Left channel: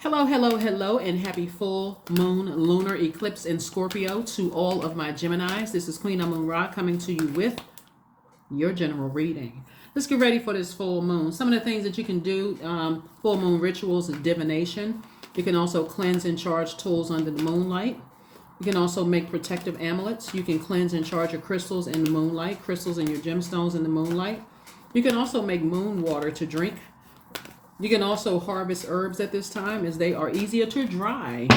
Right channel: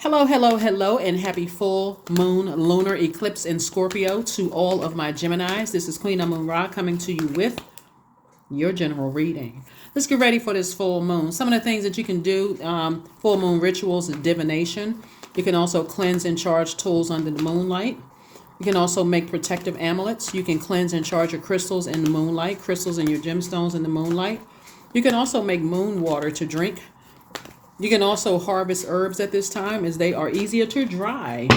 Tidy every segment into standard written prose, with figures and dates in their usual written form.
Hello, hello, hello, and happy full moon lunar eclipse in Scorpio to all of my Geminis. This is Queen Amun Ra coming to you with your general reading. Let's get ready for this full moon. Some of the things that you can do, full moon rituals is divination. You can also cleanse and charge tools under the moonlight. You can also make protective amulets. You can cleanse and charge your crystals in the moonlight, crystals and your gemstones in the moonlight. You can also make moon water to drink. You can also harvest herbs at this time as they are easier to dry.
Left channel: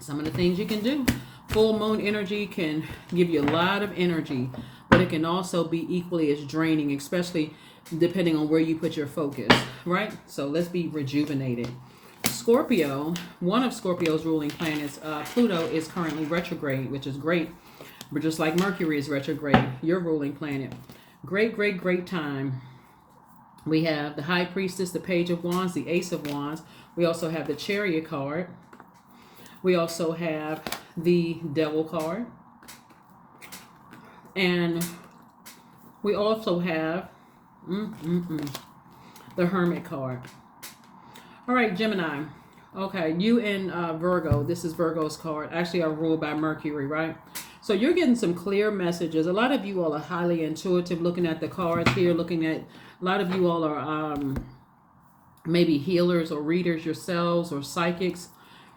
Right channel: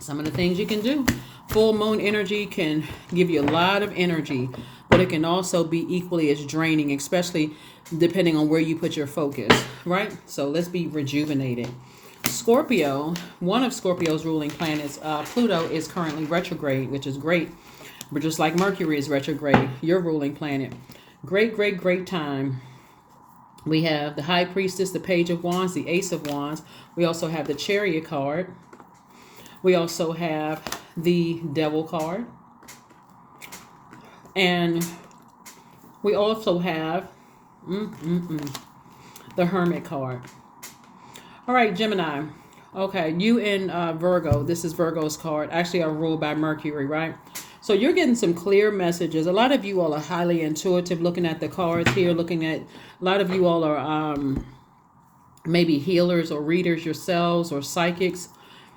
Some of the things you can do. Full moon energy can give you a lot of energy, but it can also be equally as draining, especially depending on where you put your focus, right? So let's be rejuvenated. Scorpio, one of Scorpio's ruling planets, Pluto, is currently retrograde, which is great. But just like Mercury is retrograde, your ruling planet. Great, great, great time. We have the High Priestess, the Page of Wands, the Ace of Wands. We also have the Chariot card. We also have the Devil card. And we also have the Hermit card. All right, Gemini. Okay, you in Virgo. This is Virgo's card. Actually, are ruled by Mercury, right? So you're getting some clear messages. A lot of you all are highly intuitive looking at the cards here, looking at, a lot of you all are maybe healers or readers yourselves or psychics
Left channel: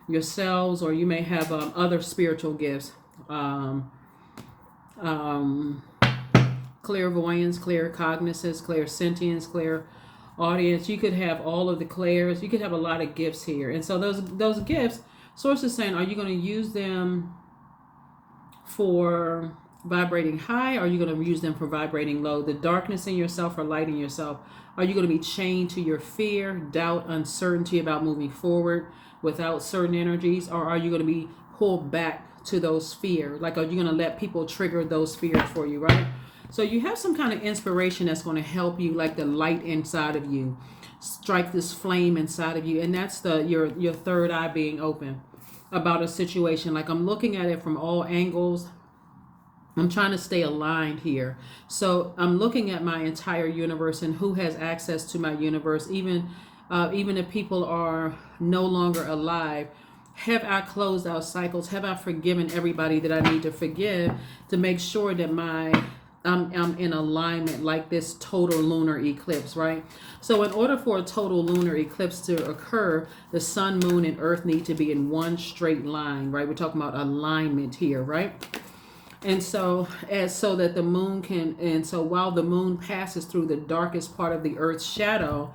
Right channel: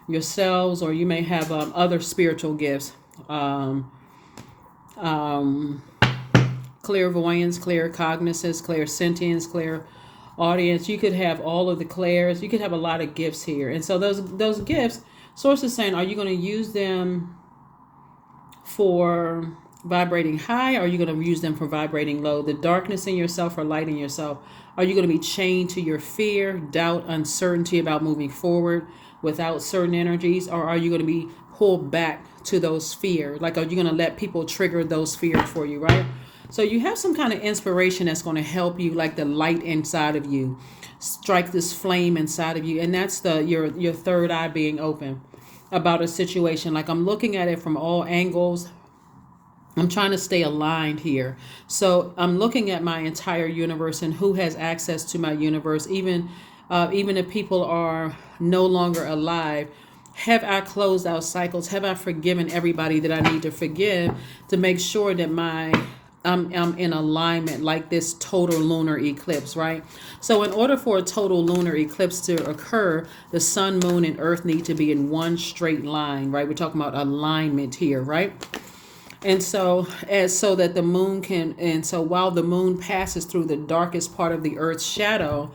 yourselves, or you may have other spiritual gifts. Clairvoyance, claircognizance, clairsentience, clairaudience. You could have all of the clairs. You could have a lot of gifts here. And so those gifts, Source is saying, are you going to use them for vibrating high, or are you going to use them for vibrating low? The darkness in yourself or light in yourself. Are you going to be chained to your fear, doubt, uncertainty about moving forward without certain energies, or are you going to be pulled back to those fears? Like, are you going to let people trigger those fears for you, right? So you have some kind of inspiration that's going to help you, like the light inside of you, strike this flame inside of you, and that's your third eye being open about a situation. Like, I'm looking at it from all angles. I'm trying to stay aligned here. So I'm looking at my entire universe and who has access to my universe. Even if people are no longer alive, have I closed out cycles? Have I forgiven everybody that I need to forgive to make sure that I'm in alignment, like this total lunar eclipse, right? So in order for a total lunar eclipse to occur, the sun, moon, and earth need to be in one straight line, right? We're talking about alignment here, right? And so so that the moon can, and so while the moon passes through the darkest part of the earth's shadow,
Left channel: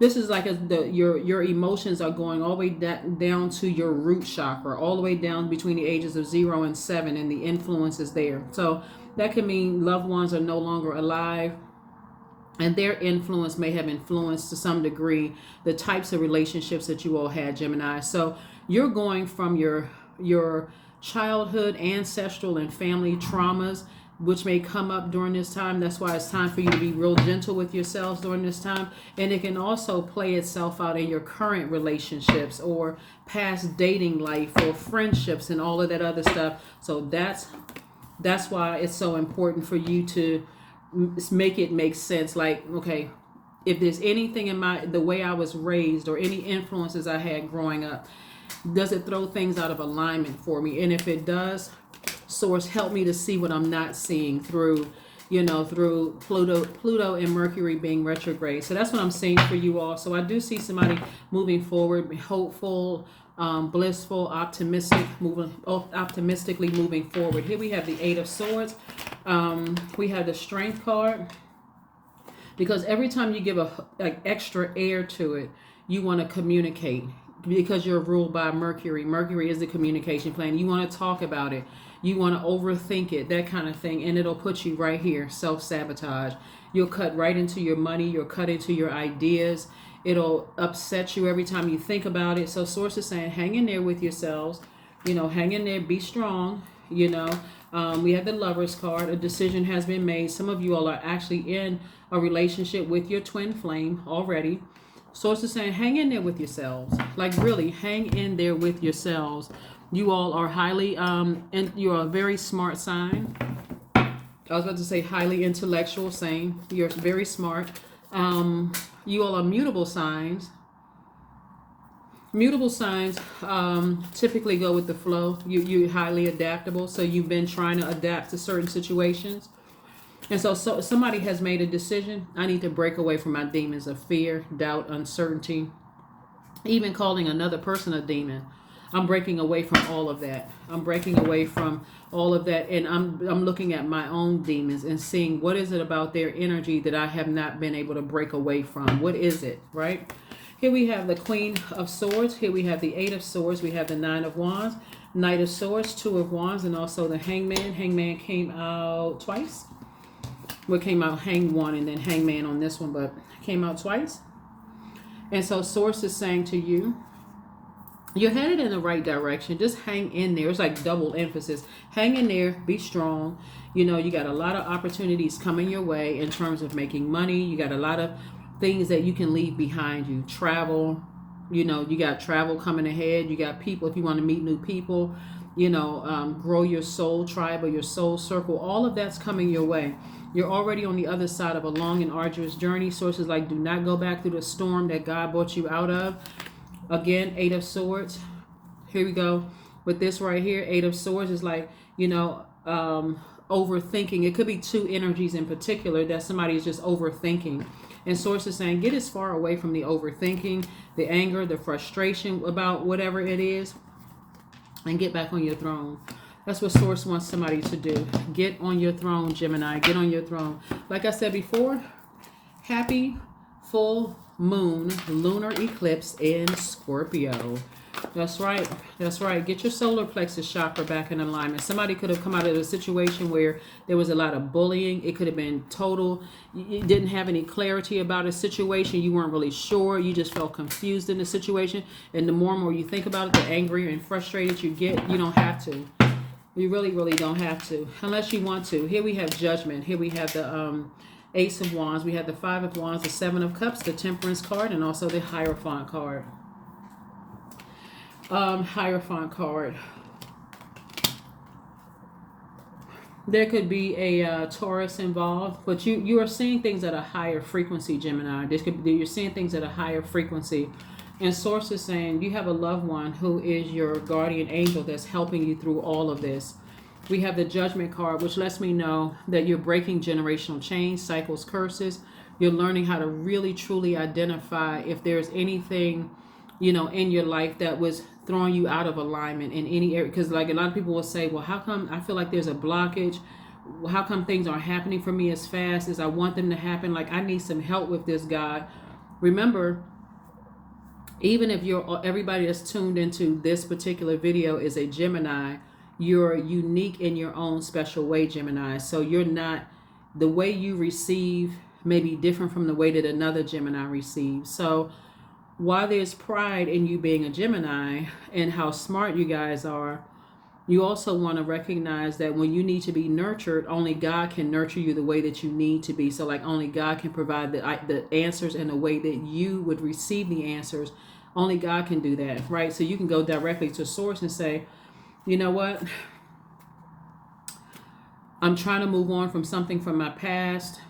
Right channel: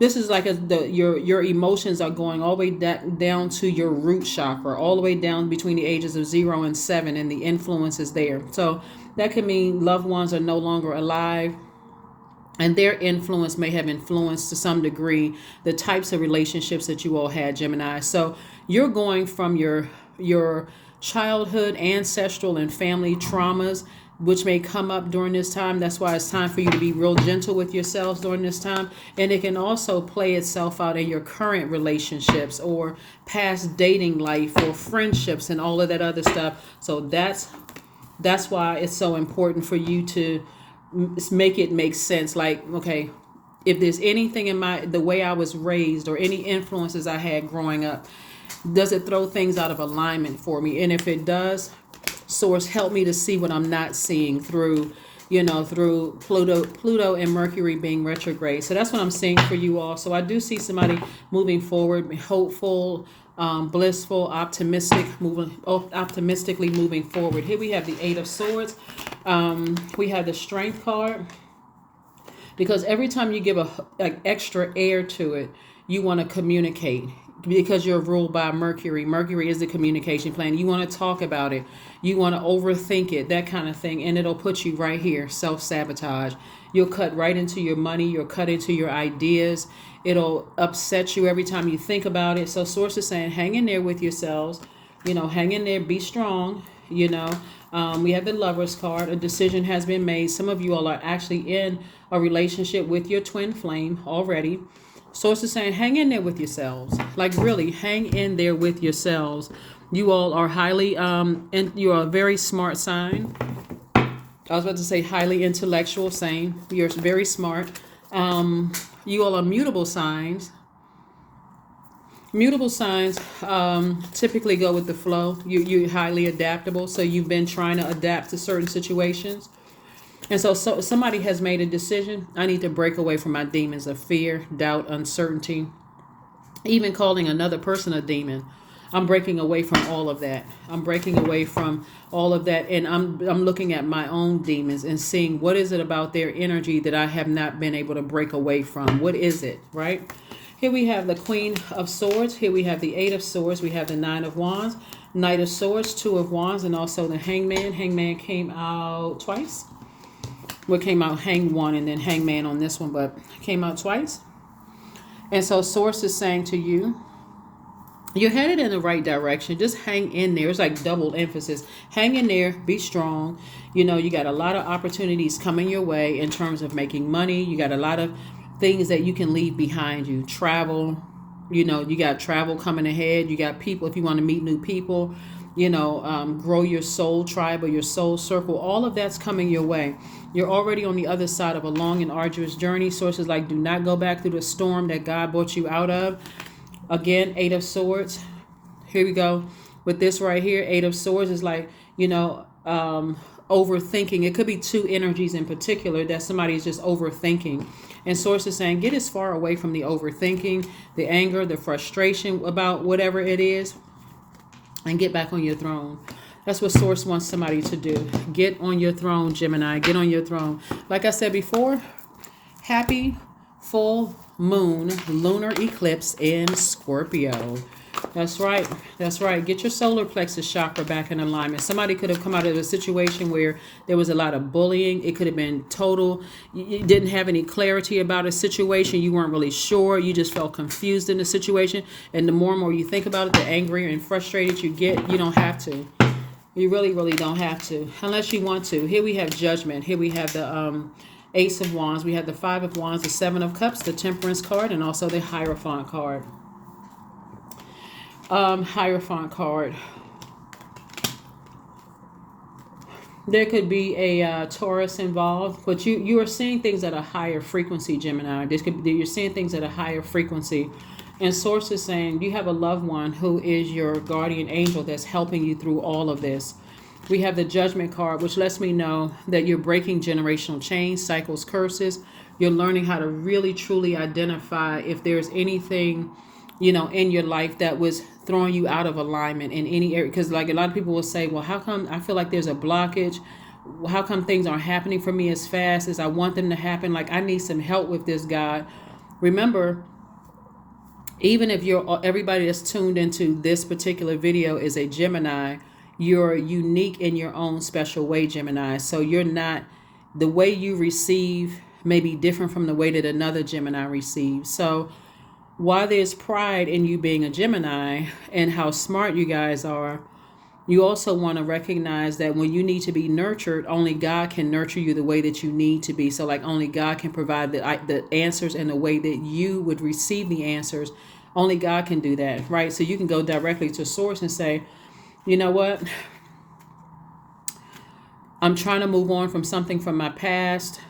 this is like your emotions are going all the way down to your root chakra, all the way down between the ages of 0 and 7, and the influence is there. So that could mean loved ones are no longer alive, and their influence may have influenced to some degree the types of relationships that you all had, Gemini. So you're going from your childhood, ancestral, and family traumas, which may come up during this time. That's why it's time for you to be real gentle with yourselves during this time. And it can also play itself out in your current relationships or past dating life or friendships and all of that other stuff. So that's why it's so important for you to make it make sense. Like, okay, if there's anything in the way I was raised or any influences I had growing up, does it throw things out of alignment for me? And if it does, Source, help me to see what I'm not seeing through Pluto and Mercury being retrograde. So that's what I'm seeing for you all. So I do see somebody moving forward, hopeful, blissful, optimistically moving forward. Here we have the Eight of Swords. We have the Strength card, because every time you give an extra air to it, you want to communicate, because you're ruled by Mercury. Mercury is the communication plane. You want to talk about it. You want to overthink it, that kind of thing. And it'll put you right here, self-sabotage. You'll cut right into your money. You'll cut into your ideas. It'll upset you every time you think about it. So Source is saying, hang in there with yourselves. Hang in there. Be strong. We have the Lover's card. A decision has been made. Some of you all are actually in a relationship with your twin flame already. Source is saying, hang in there with yourselves. Like, really, hang in there with yourselves. You all are highly, and you are a very smart sign. I was about to say highly intellectual, same. You're very smart. You all are mutable signs. Mutable signs typically go with the flow. You're highly adaptable, so you've been trying to adapt to certain situations. And so somebody has made a decision. I need to break away from my demons of fear, doubt, uncertainty, even calling another person a demon. I'm breaking away from all of that. I'm breaking away from all of that, and I'm looking at my own demons and seeing what is it about their energy that I have not been able to break away from. What is it, right? Here we have the Queen of Swords. Here we have the Eight of Swords. We have the Nine of Wands, Knight of Swords, Two of Wands, and also the Hangman. Hangman came out twice. Well, came out Hang one and then Hangman on this one, but came out twice. And so Source is saying to you, you're headed in the right direction. Just hang in there. It's like double emphasis. Hang in there. Be strong. You know, you got a lot of opportunities coming your way in terms of making money. You got a lot of things that you can leave behind you. Travel. You know, you got travel coming ahead. You got people if you want to meet new people. You know, grow your soul tribe or your soul circle. All of that's coming your way. You're already on the other side of a long and arduous journey. Sources like, do not go back through the storm that God brought you out of. Again, Eight of Swords. Here we go. With this right here, Eight of Swords is like, you know, overthinking. It could be two energies in particular that somebody is just overthinking. And Source is saying, get as far away from the overthinking, the anger, the frustration about whatever it is, and get back on your throne. That's what Source wants somebody to do. Get on your throne, Gemini. Get on your throne. Like I said before, happy full moon lunar eclipse in Scorpio. That's right. That's right. Get your solar plexus chakra back in alignment. Somebody could have come out of a situation where there was a lot of bullying. It could have been total. You didn't have any clarity about a situation. You weren't really sure. You just felt confused in the situation. And the more and more you think about it, the angrier and frustrated you get. You don't have to. You really, really don't have to. Unless you want to. Here we have Judgment. Here we have the Ace of Wands. We have the Five of Wands, the Seven of Cups, the Temperance card, and also the Hierophant card. Hierophant card. There could be a Taurus involved, but you are seeing things at a higher frequency, Gemini. You're seeing things at a higher frequency. And Source is saying you have a loved one who is your guardian angel that's helping you through all of this. We have the Judgment card, which lets me know that you're breaking generational chains, cycles, curses. You're learning how to really, truly identify if there's anything, you know, in your life that was throwing you out of alignment in any area. Because like a lot of people will say, well, how come I feel like there's a blockage? How come things aren't happening for me as fast as I want them to happen? Like I need some help with this, God. Remember, even if everybody that's tuned into this particular video is a Gemini, you're unique in your own special way, Gemini. So you're not, the way you receive may be different from the way that another Gemini receives. So while there's pride in you being a Gemini and how smart you guys are, you also want to recognize that when you need to be nurtured, only God can nurture you the way that you need to be. So like only God can provide the answers in the way that you would receive the answers. Only God can do that, right? So you can go directly to Source and say, you know what? I'm trying to move on from something from my past,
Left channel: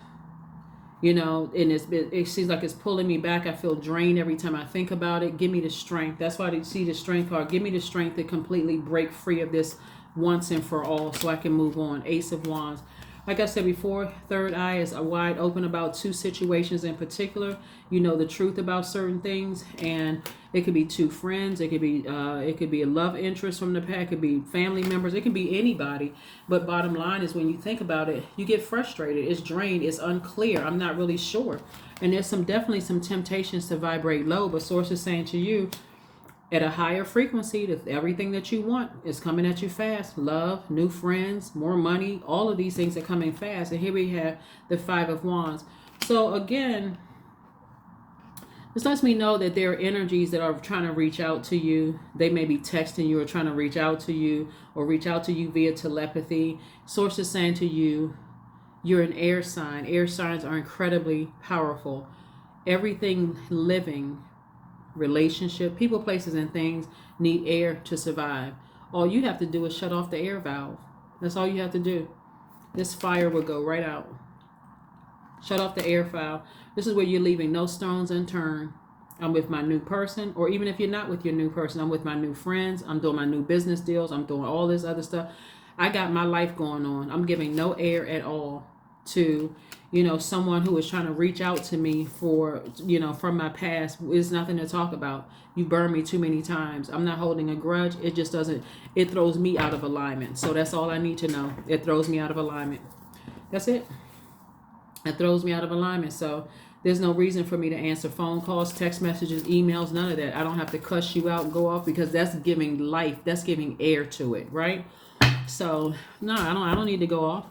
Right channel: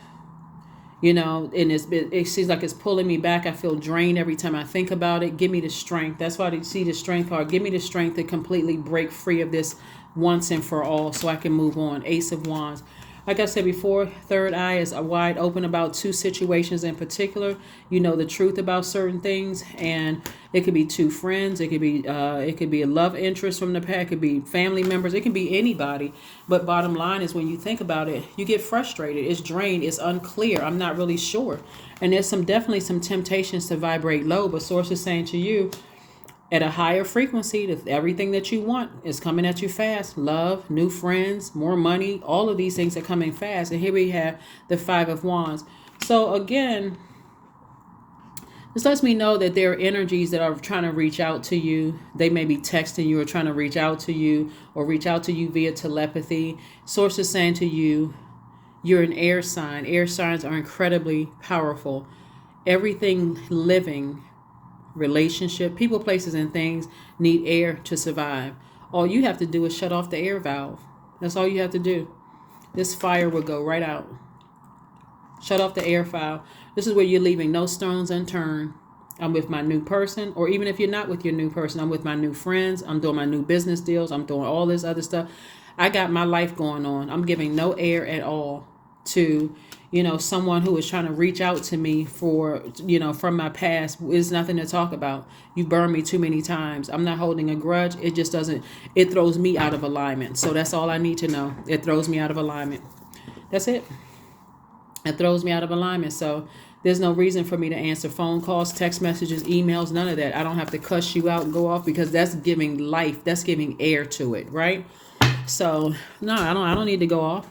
you know, and it seems like it's pulling me back. I feel drained every time I think about it. Give me the strength. That's why they see the strength card. Give me the strength to completely break free of this once and for all so I can move on. Ace of Wands. Like I said before, third eye is wide open about two situations in particular. You know the truth about certain things, and it could be two friends. It could be a love interest from the past. It could be family members. It can be anybody. But bottom line is, when you think about it, you get frustrated. It's drained. It's unclear. I'm not really sure. And there's definitely some temptations to vibrate low. But Source is saying to you, at a higher frequency, if everything that you want is coming at you fast, love, new friends, more money, all of these things are coming fast. And here we have the Five of Wands. So again, this lets me know that there are energies that are trying to reach out to you. They may be texting you or trying to reach out to you or reach out to you via telepathy. Source is saying to you, you're an air sign. Air signs are incredibly powerful. Everything living, relationship, people, places, and things need air to survive. All you have to do is shut off the air valve. That's all you have to do. This fire will go right out. Shut off the air valve. This is where you're leaving no stones unturned. I'm with my new person, or even if you're not with your new person, I'm with my new friends. I'm doing my new business deals. I'm doing all this other stuff. I got my life going on. I'm giving no air at all to, someone who is trying to reach out to me for, from my past. It's nothing to talk about. You burned me too many times. I'm not holding a grudge. It just doesn't, it throws me out of alignment. So that's all I need to know. It throws me out of alignment. That's it. It throws me out of alignment. So there's no reason for me to answer phone calls, text messages, emails, none of that. I don't have to cuss you out and go off, because that's giving life. That's giving air to it, right? So no, I don't need to go off.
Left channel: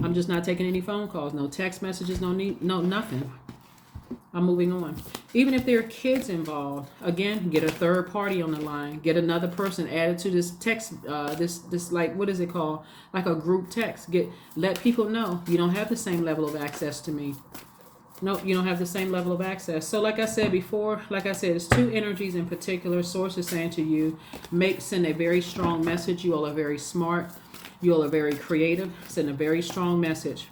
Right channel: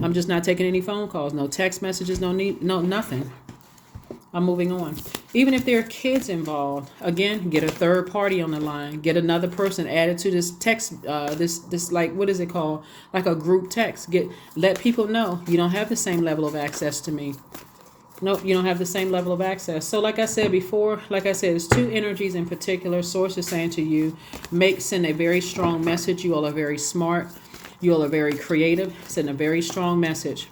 I'm just not taking any phone calls, no text messages, no nothing. I'm moving on. Even if there are kids involved, again, get a third party on the line, get another person added to this text, this like, what is it called? Like a group text. Let people know you don't have the same level of access to me. Nope, you don't have the same level of access. So like I said before, there's two energies in particular. Source is saying to you, send a very strong message. You all are very smart. You all are very creative. Send a very strong message.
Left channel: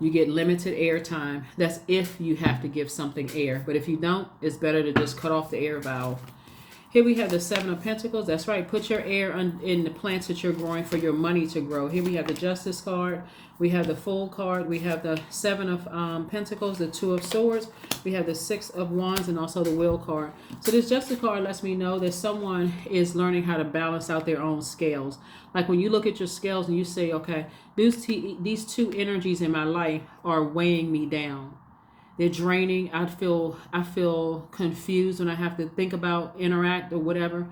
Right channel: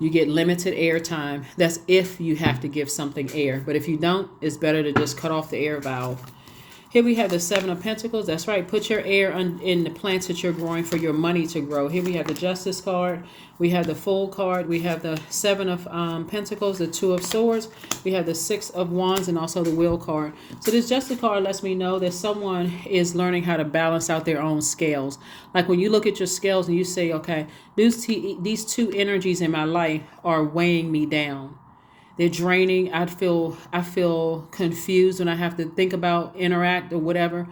You get limited air time. That's if you have to give something air. But if you don't, it's better to just cut off the air valve. Here we have the Seven of Pentacles. That's right. Put your air in the plants that you're growing for your money to grow. Here we have the Justice card. We have the Fool card. We have the Seven of Pentacles, the Two of Swords. We have the Six of Wands, and also the Wheel card. So this Justice card lets me know that someone is learning how to balance out their own scales. Like when you look at your scales and you say, okay, these two energies in my life are weighing me down. They're draining. I feel confused when I have to think about, interact, or whatever.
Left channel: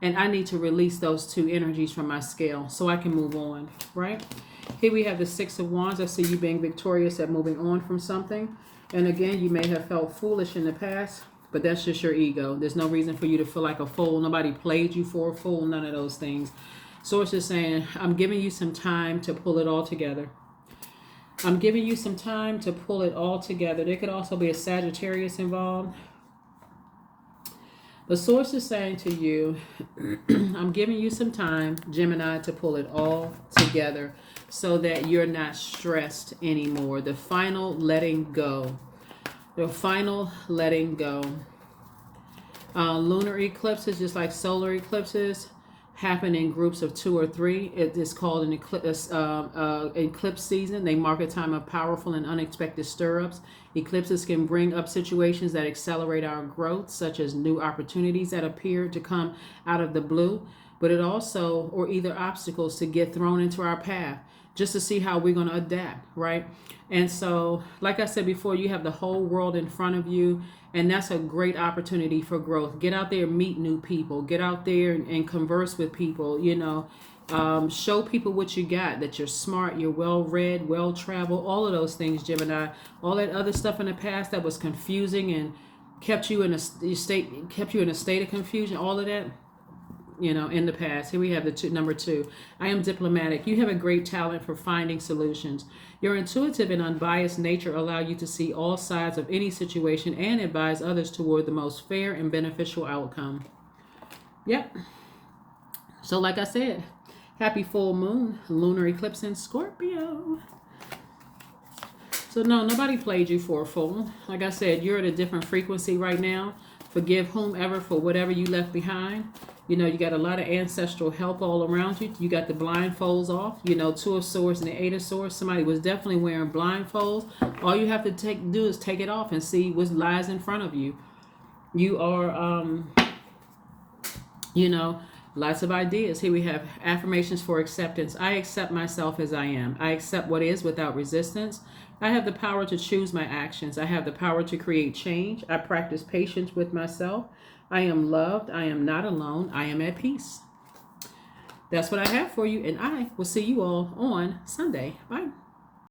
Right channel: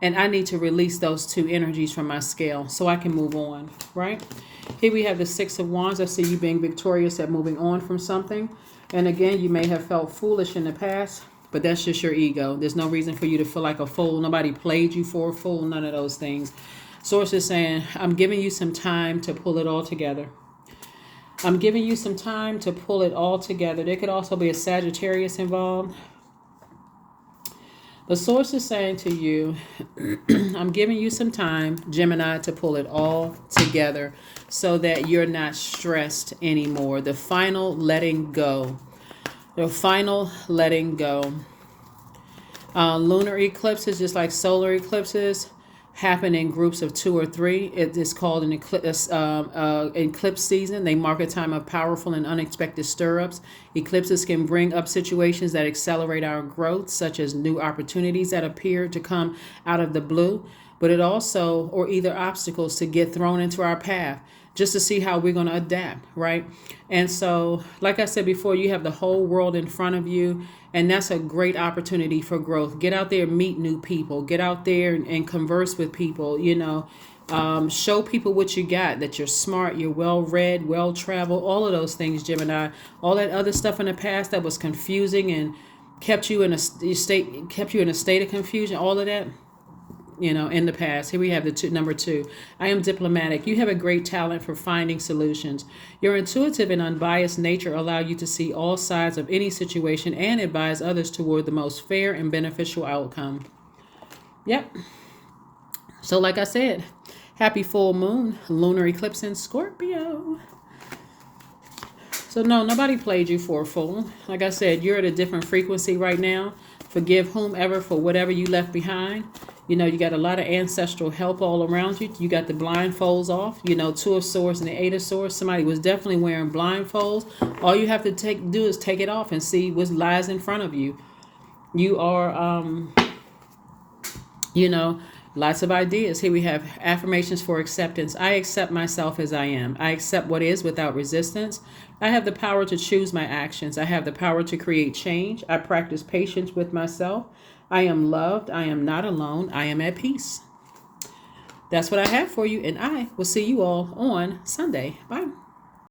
And I need to release those two energies from my scale so I can move on, right? Here we have the Six of Wands. I see you being victorious at moving on from something. And again, you may have felt foolish in the past, but that's just your ego. There's no reason for you to feel like a fool. Nobody played you for a fool, none of those things. Source is saying, I'm giving you some time to pull it all together. I'm giving you some time to pull it all together. There could also be a Sagittarius involved. The source is saying to you, I'm giving you some time, Gemini, to pull it all together so that you're not stressed anymore. The final letting go. The final letting go. Lunar eclipses, just like solar eclipses, happen in groups of 2 or 3. It is called an eclipse season. They mark a time of powerful and unexpected stir-ups. Eclipses can bring up situations that accelerate our growth, such as new opportunities that appear to come out of the blue, but it also, or either obstacles to get thrown into our path, just to see how we're going to adapt, right? And so, like I said before, you have the whole world in front of you, and that's a great opportunity for growth. Get out there, meet new people. Get out there and converse with people, show people what you got, that you're smart, you're well-read, well-traveled, all of those things, Gemini. All that other stuff in the past that was confusing and kept you in a state of confusion, all of that, in the past. Here we have number 2. I am diplomatic. You have a great talent for finding solutions. Your intuitive and unbiased nature allow you to see all sides of any situation and advise others toward the most fair and beneficial outcome. Yep. So like I said, happy full moon, lunar eclipse in Scorpio. So no, nobody played you for a fool. Like I said, you're at a different frequency right now. Forgive whomever for whatever you left behind. You got a lot of ancestral help all around you. You got the blindfolds off. 2 of Swords and the 8 of Swords. Somebody was definitely wearing blindfolds. All you have to do is take it off and see what lies in front of you. You are, lots of ideas. Here we have affirmations for acceptance. I accept myself as I am. I accept what is without resistance. I have the power to choose my actions. I have the power to create change. I practice patience with myself. I am loved. I am not alone. I am at peace. That's what I have for you, and I will see you all on Sunday. Bye.